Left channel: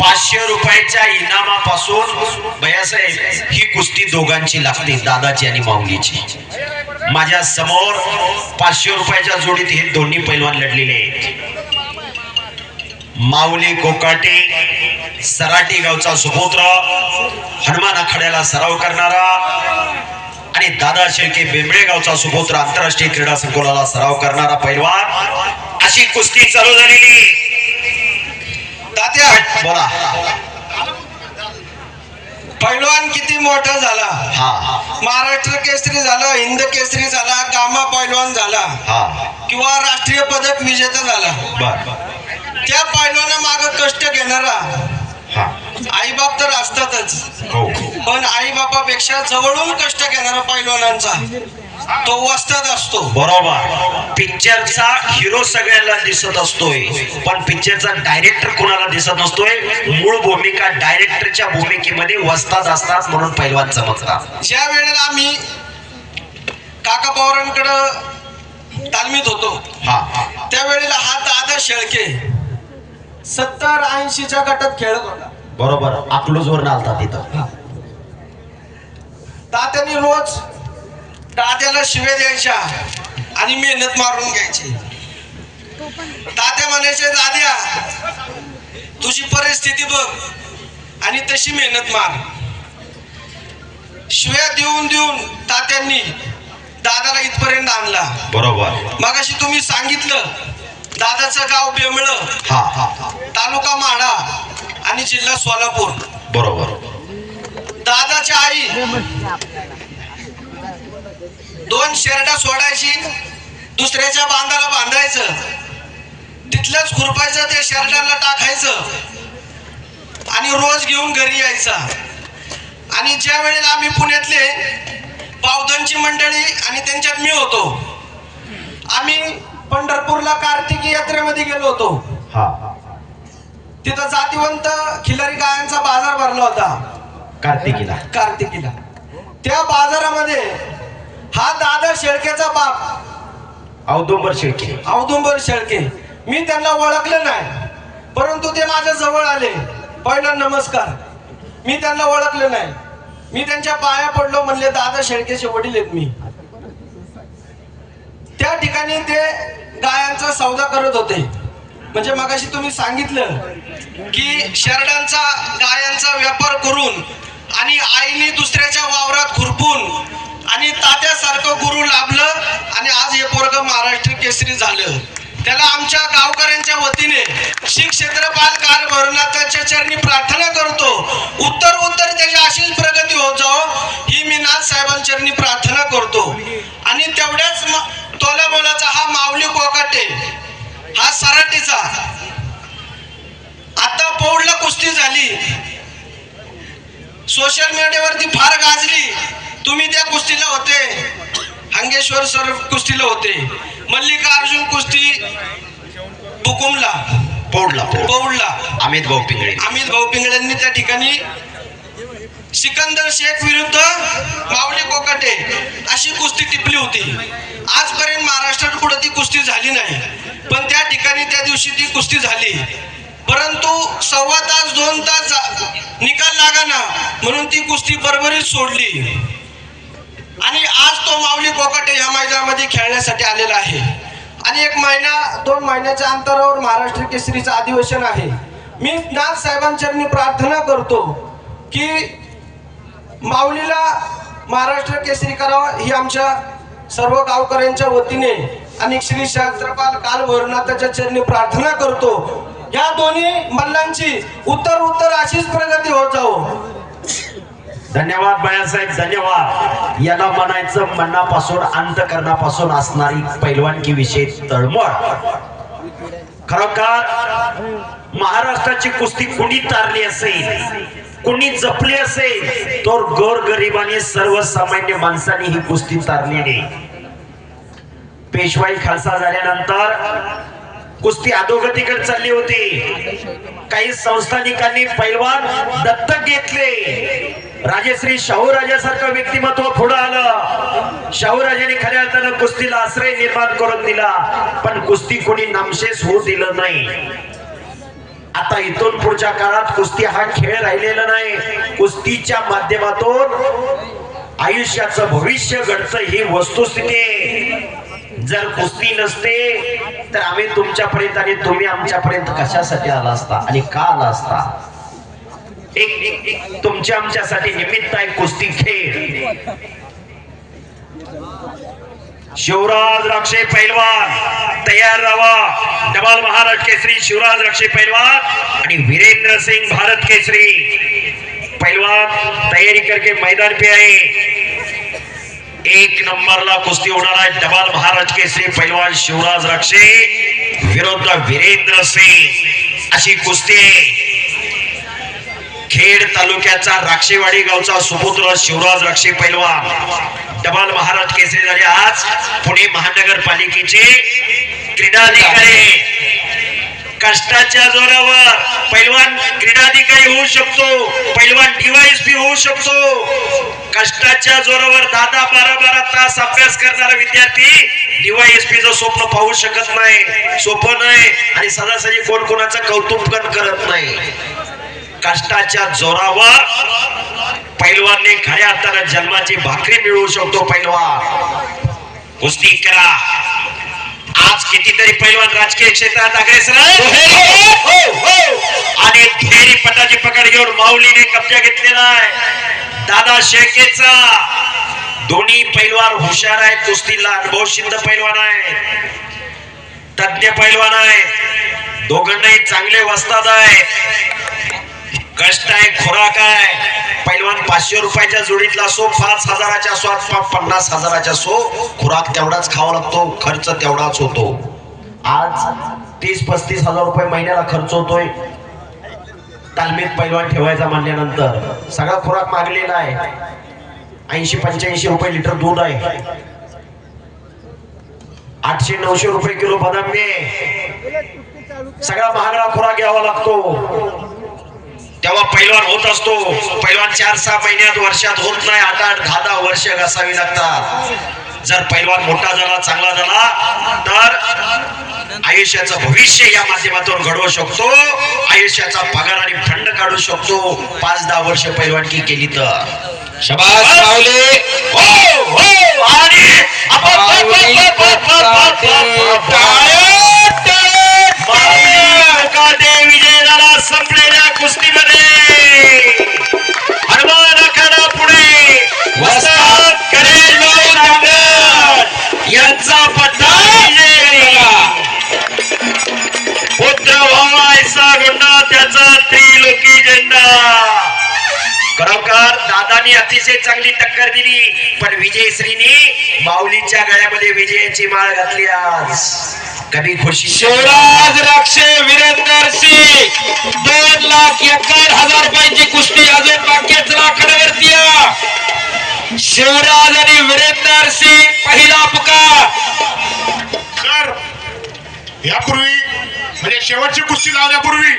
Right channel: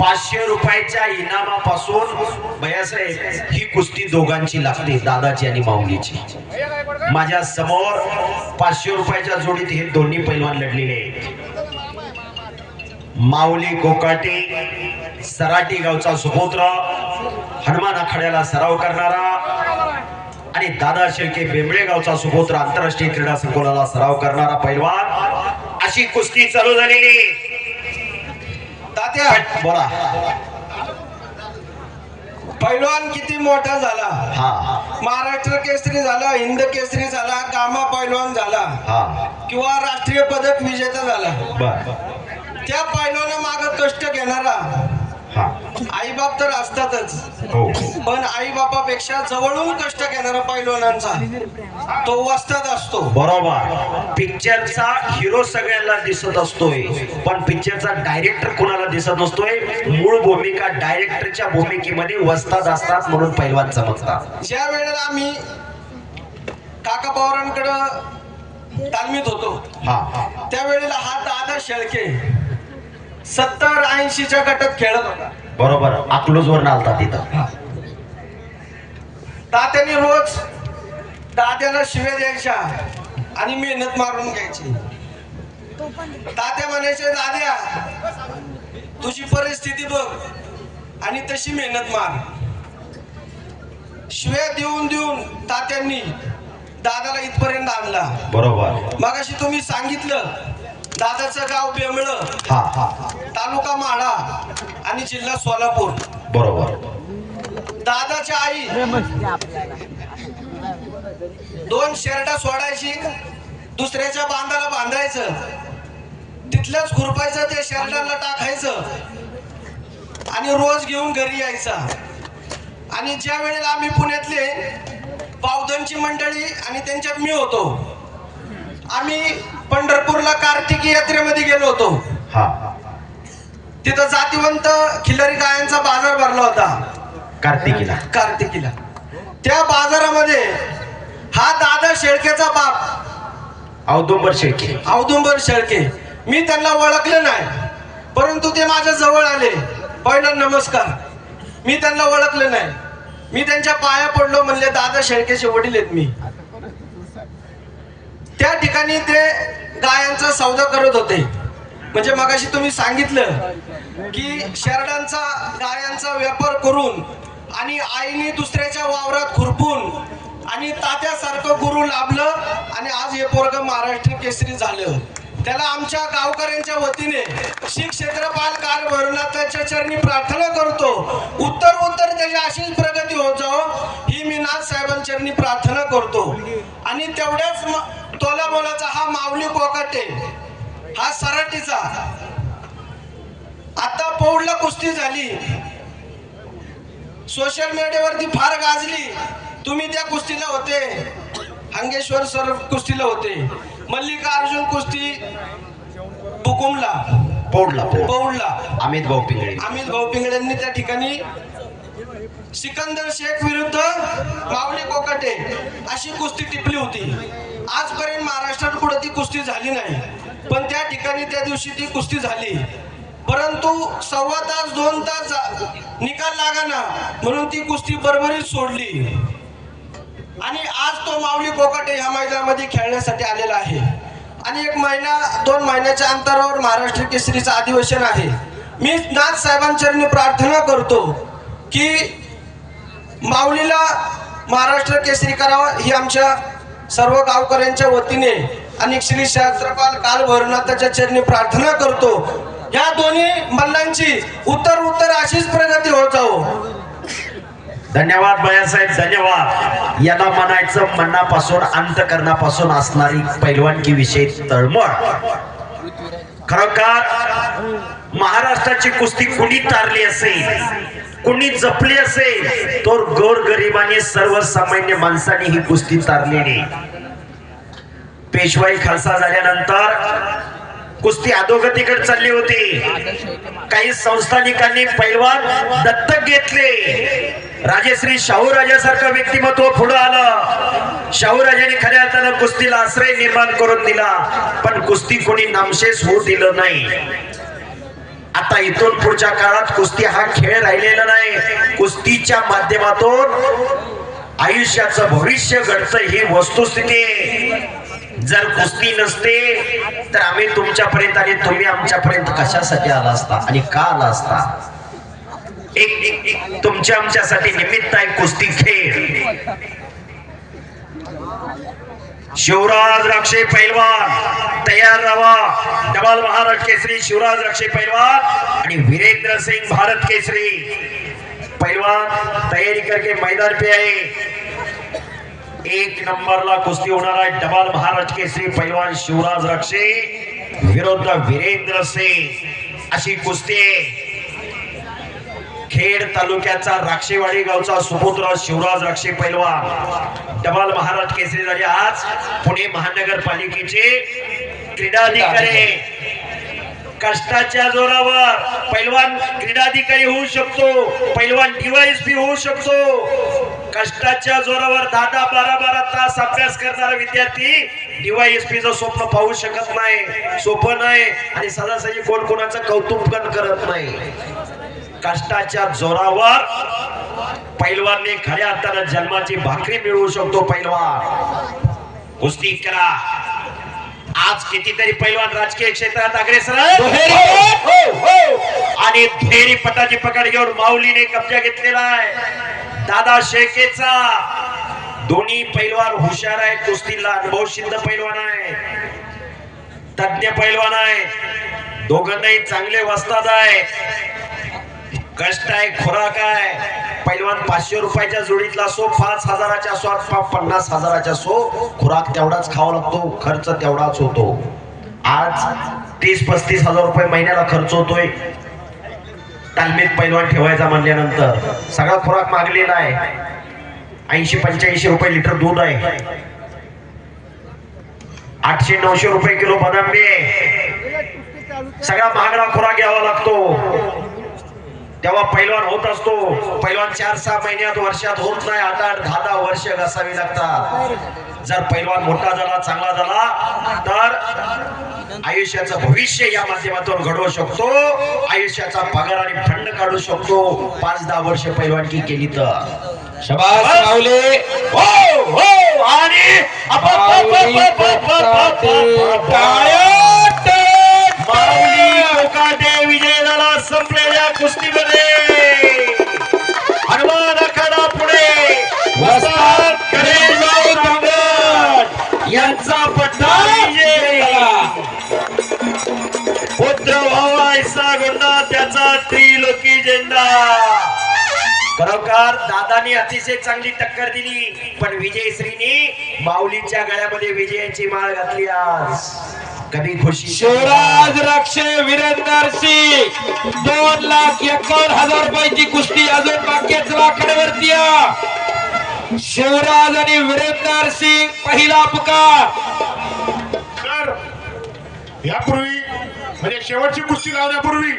500 रुपयाच्या इनामापासून भैयासाहेब ही कुस्ती दोघांची लागते, दादाची आणि माऊलीची. माझ्या समोर 500 रुपयाच्या जोडीत हे दोन्ही पैलवान लढलेले आहेत. माऊली कोकाटे सराटी गावचा सुपुत्र, हनुमान आखाड्याला सराव करणारा, आणि दादा शेळके बेंबळे गावचा सुपुत्र, आंतरराष्ट्रीय क्रीडा संकुलाला सराव करणारा पैलवान. अशी कुस्ती चालू झालेली. तात्या बोला. पैलवान किती मोठा झाला. हा, महाराष्ट्र केसरी झाला, हिंद केसरी झाला, गामा पैलवान झाला, हा, किंवा राष्ट्रीय पदक विजेता झाला. बर. त्या पैलवाना मागे कष्ट घेणारा हा, आई बाप तर असतातच, हो, पण आई बापापेक्षा जवळून कष्ट घेणारा पैलवानांचा तो वस्ताद असतो. बरोबर. पिक्चरचा हिरो सगळ्यांना दिसत असतोय, पण पिक्चरचा डायरेक्टर कोणाला दिसत नसतोय. मूळ भूमिका डायरेक्टरच्या भूमिकेमध्ये वस्ताद असतात म्हणून पैलवान चमकतात. ज्या वेळेला आम्ही काका पवारांकडे तालमीत होतो, हा, त्यावेळेला हा दादा शेळके 70-80च्या गटात खेळत होता. बरोबर. अकलूजवर आलता तिथं. तात्याने रोज दाद्याला शिव्या द्यायच्या आणि मेहनत मारून घ्यायची. तात्या म्हणायचे, दाद्या तुझी परिस्थिती बघ आणि तशी मेहनत मार. शिव्या देऊन देऊन तात्यांनी दादाला इथपर्यंत आणला. बरोबर. मगाशी तुम्ही सांगितलं दादाचं गाव बेंबळं, हा, हा, तालुका माढा आणि जिल्हा सोलापूर. बरोबर. दादाची आई 2 शेरडा सोडायची, दुसऱ्याच्या बांधाला बांधायचं, तिथलंच खुरपायचं, ते शेरडाला टाकायचं आणि रोज घेऊन घरी यायचा. आणि ज्या वेळेला आम्ही पुण्यातले बावधनची मंडळी आणि त्यांच्यात मी होतो, आम्ही पंढरपूरला कार्तिकी यात्रेमध्ये गेलो होतो. हा, तिथं जातीवंत खिल्लारी गायांचा बाजार भरला होता कार्तिकीला. त्या बाजारामध्ये हा दादा शेळकेचा बाप औदुंबर शेळके, मी त्यांना ओळखले नाही, परंतु ते माझ्या जवळ आले. पहिला नमस्कार. मी त्यांना ओळखले नाही, मी त्यांच्या पाया पडलो, म्हणले दादा शेळकेचे वडील आहेत मी. त्या ठिकाणी ते गायांचा सौदा करत होते. म्हणजे मगाशी तुम्ही सांगितलं की शेरडांचा गायांचा व्यापार करून आणि आईने दुसऱ्याच्या वावरात खुरपून आणि तात्यासारखं गुरु लाभलं आणि आज हे पोरगं महाराष्ट्र केसरी झालं. त्याला आमच्या गावकऱ्यांच्या वतीने श्री क्षेत्रपाल काल भरनाथाच्या चरणी प्रार्थना करतो, उत्तर त्याची अशीच प्रगती होत जाओ ही मी नाथ साहेबांचरणी प्रार्थना करतो. आणि तेवढ्याच तोला बोलाचा हा माऊली कोकाटे, हा सराटीचा, आता पौडला कुस्ती झाली, सोशल मीडियावरती फार गाजली. तुम्ही त्या कुस्तीला होते, हंगेश्वर सर कुस्तीला होते, मल्लिकार्जुन कुस्ती बुकुमला पौडला अमित भाऊ पिंगळेंनी त्या ठिकाणी सिकंदर शेख विरुद्ध माऊली कोकाटे अशी कुस्ती टिपली होती. आजपर्यंत महाराष्ट्रात कुठे ती कुस्ती झाली नाही, पण त्या ठिकाणी त्या दिवशी ती कुस्ती झाली. परंतु 1.25 तास 2 तास निकाल लागाना म्हणून ती कुस्ती बरोबरीच सोडली. आणि आज तो माऊली कोकाटे ह्या मैदानामध्ये खेळण्यासाठी आलेला आहे. आणि 1 महिना 2 महिन्याच्या अंतरावर महाराष्ट्र केसरीचं अधिवेशन आहे. मी नाथ साहेबांचरणी प्रार्थना करतो की माऊलीला महाराष्ट्र केसरी करावा ही आमच्या सर्व गावकऱ्यांच्या वतीने आणि श्री क्षेत्रपाल काल भरनाथाच्या चरणी प्रार्थना करतो. या दोन्ही मल्लांची उत्तर अशीच प्रगती होत जाओ. धन्यवाद भैयासाहेब, धन्यवाद. याला म्हणायचं मनापासून अंतकरणापासून असणारी पैलवानकी विषयी तळमळ. खरोखर महाराष्ट्राची कुस्ती कुणी तारली असेल, कुणी जपली असेल, तो गोरगरिबांनी सर्वसामान्य माणसाने ही कुस्ती तारलेली. पेशवाई खालसा झाल्यानंतर कुस्ती अधोगतीकडे चालली होती. काही संस्थानिकांनी पैलवान दत्तक घेतले. राजश्री शाहूराजासारखं व्यक्तिमत्व पुढे आलं. शाहूराजाने खऱ्या अर्थानं कुस्तीला आश्रय निर्माण करून दिला, पण कुस्ती कोणी नामशेष होऊ दिलं नाही. आता इथून पुढच्या काळात कुस्ती हा खेळ राहिलेला नाही. कुस्तीच्या माध्यमातून आयुष्याचं भविष्य घडतं ही वस्तुस्थिती आहे. जर कुस्ती नसते तर आम्ही तुमच्यापर्यंत आणि तुम्ही आमच्यापर्यंत कशासाठी आला असता आणि का आला असता? एक तुमच्या आमच्यासाठी निमित्त आहे कुस्ती खेळ. शिवराज रक्षे पैलवान तयार राहा. डबल महाराष्ट्र केसरी शिवराज रक्षे पैलवान आणि वीरेंद्र सिंह भारत केसरी पैलवान तयारी करके मैदान पे आए. एक नंबरला कुस्ती होणार आहे. डबल महाराष्ट्र केसरी पैलवान शिवराज रक्षे विरुद्ध वीरेंद्र सिंह अशी कुस्ती. खेड तालुक्याचा राक्षेवाडी गावचा सुपुत्र शिवराज रक्षे पैलवान डबल महाराष्ट्र केसरी झाले. आज पुणे महानगरपालिकेचे क्रीडाधिकारी कष्टाच्या जोरावर पैलवान क्रीडाधिकारी होऊ शकतो, पैलवान डीवायएसपी होऊ शकतो. कष्टाच्या जोरावर 10-12 तास अभ्यास करणारा विद्यार्थी डीवायएसपीचं स्वप्न पाहू शकत नाही. सोपं नाही आणि सदासरी कोण कोणाचं कौतुक करत नाही. कष्टाच्या जोरावर पैलवानने खऱ्या अर्थानं जन्माची भाकरी मिळवू शकतो. पैलवान कुस्ती करा. आज कितीतरी पैलवान राजकीय क्षेत्रात अग्रेसर आणि फेरी पटाची पकड घेऊन माऊलीने कब्जा घेतलेला आहे. दादा शेळकेचा दोन्ही पैलवान हुशार आहेत. कुस्तीला अनुभव सिद्ध पैलवान आहे, तज्ञ पैलवान आहे. दोघांनाही चांगले वस्ताद आहे. कष्ट आहे, खुराक आहे. पैलवान 500 रुपयाच्या जोडीतला असो, 5,000च्या असो, 50,000च्या असो, खुराक तेवढाच खावा लागतो, खर्च तेवढाच होतो. आज 30-35 हजार रुपये महिन्याला खर्च होतोय तालमीत पैलवान ठेवायचा म्हणल्यानंतर. सगळा खुराक मागलेला आहे. 80-85 रुपये लिटर दूध आहे. 800-900 रुपये किलो बदाम आहे. सगळा महागडा खुराक घ्यावा लागतो. तेव्हा पैलवान होत असतो. पैलवान 4-6 महिन्यात वर्षात होत नाही. 8-10 वर्ष घासावी लागतात. जर पैलवान मोठा झाला, चांगला झाला तर आयुष्याचं भविष्य या माध्यमातून घडवू शकतो. आयुष्याचा पगार आणि फंड काढू शकतो. 5-10 वर्ष पैलवानकी केली तर. शाबास माऊली. हो हो. आणि विजय झाला संपलेल्या कुस्तीमध्ये. हनुमान आखाडा पुढे वस्ताद करेल यांचा पट्टा पुत्र व्हावायचा गुंडा त्याचा त्रिलोकी झेंडा. खरोखर दादानी अतिशय चांगली टक्कर दिली, पण विजयश्रीनी माऊलीच्या गळ्यामध्ये विजयाची माळ घातली. आज कधी खुशी. शिवराज रक्षे वीरेंद्र सिंह 2,51,000 रुपयाची कुस्ती अजून बाकीच लाकडावरती. शिवराज आणि वीरेंद्र सिंह पहिला पुकार. सर यापूर्वी म्हणजे शेवटची कुस्ती लावण्यापूर्वी